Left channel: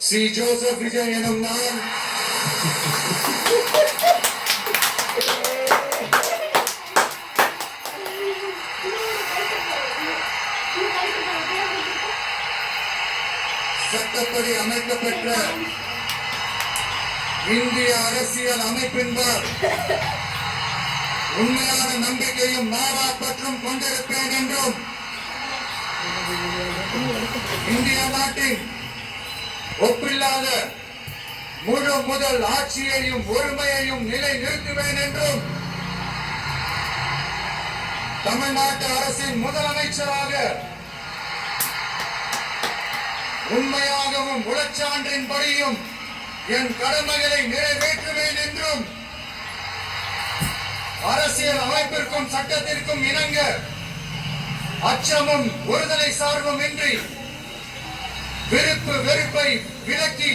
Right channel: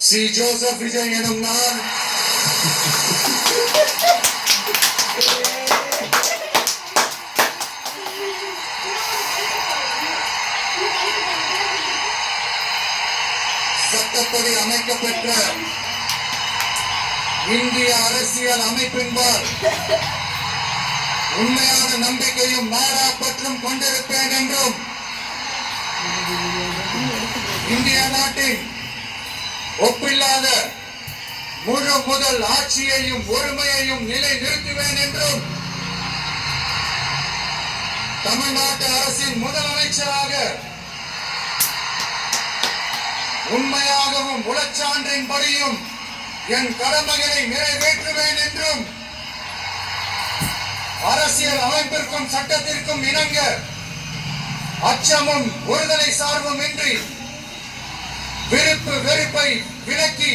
C Joseph Vijay எனும் நான் சட்டப்படி அமைக்கப்பெற்ற இந்திய அரசியல் அமைப்பின்பால் உண்மையான நம்பிக்கையும் நாடா பற்றும் கொண்டிருப்பேன் என்றும் இந்திய நாட்டின் ஒப்பில்லாத முழு முதல் ஆட்சியையும் ஒருமையையும் நிலை நிறுத்துவேன் என்றும் தமிழ்நாட்டு அரசின் முதலமைச்சராக உண்மையாகவும் உளச்சான்றின்படியும் என் கடமைகளை நிறைவேற்றுவேன் என்றும் அரசியல் அமைப்பிற்கும் சட்டத்திற்கும் இணங்க அச்சமும் ஒருதலை சார்பும் இன்றி விருப்பு வெறுப்பை விலக்கி